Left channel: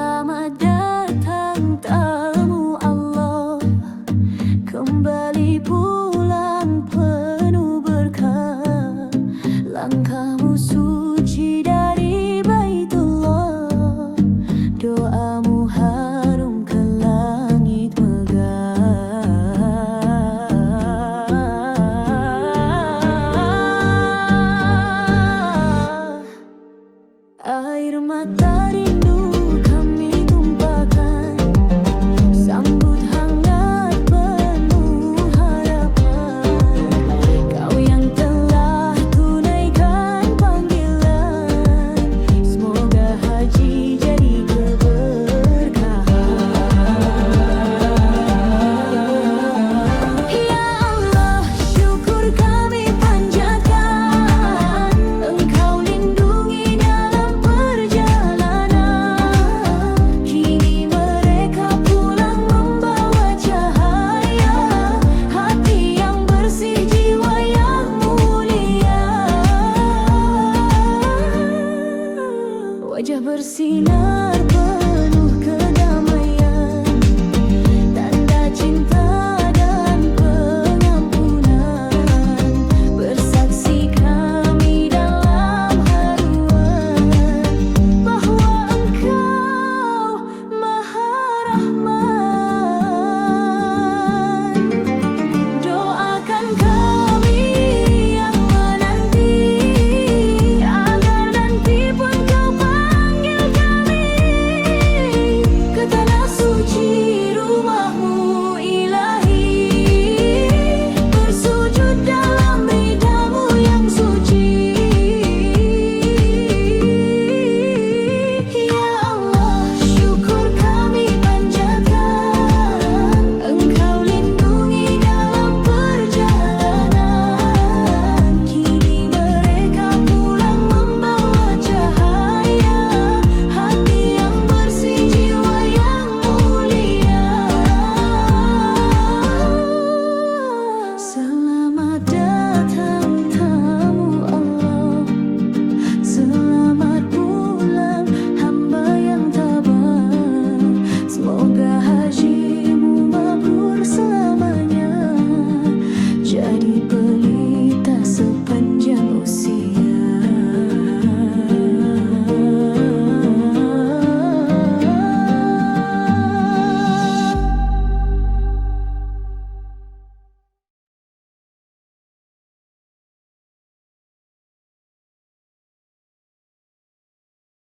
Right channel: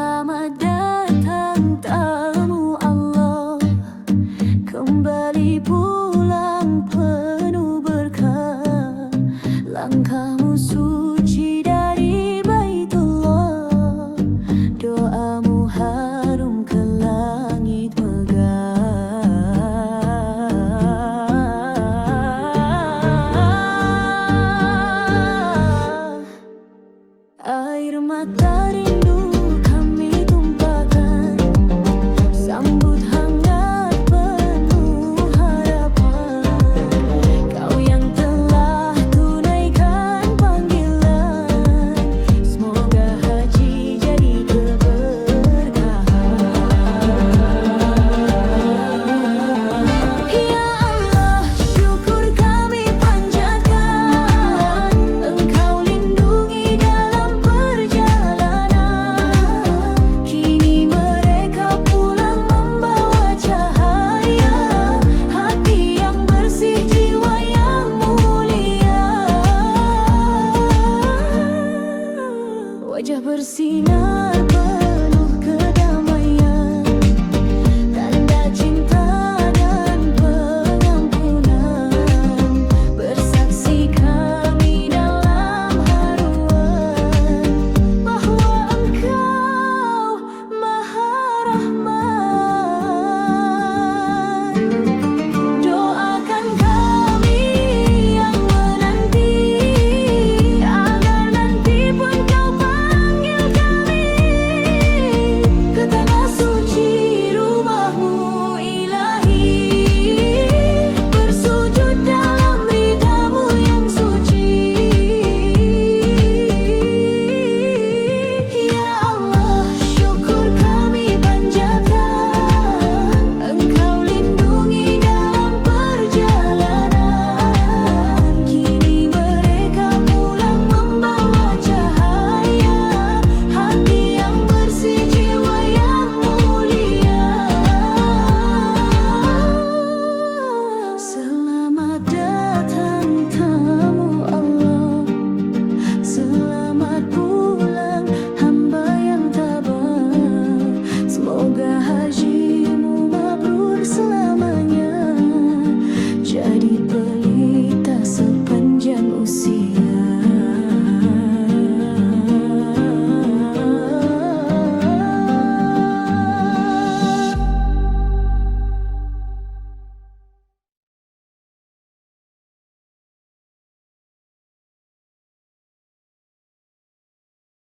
Selamat datang tamu Allah. Kembali pulang penuh berkah. Langkahmu suci dari baitullah. Doamu harum ke langit megah. Air mata rindu ver si. Semoga hajimu mabrur selamanya. Jadi pelita sepanjang usia.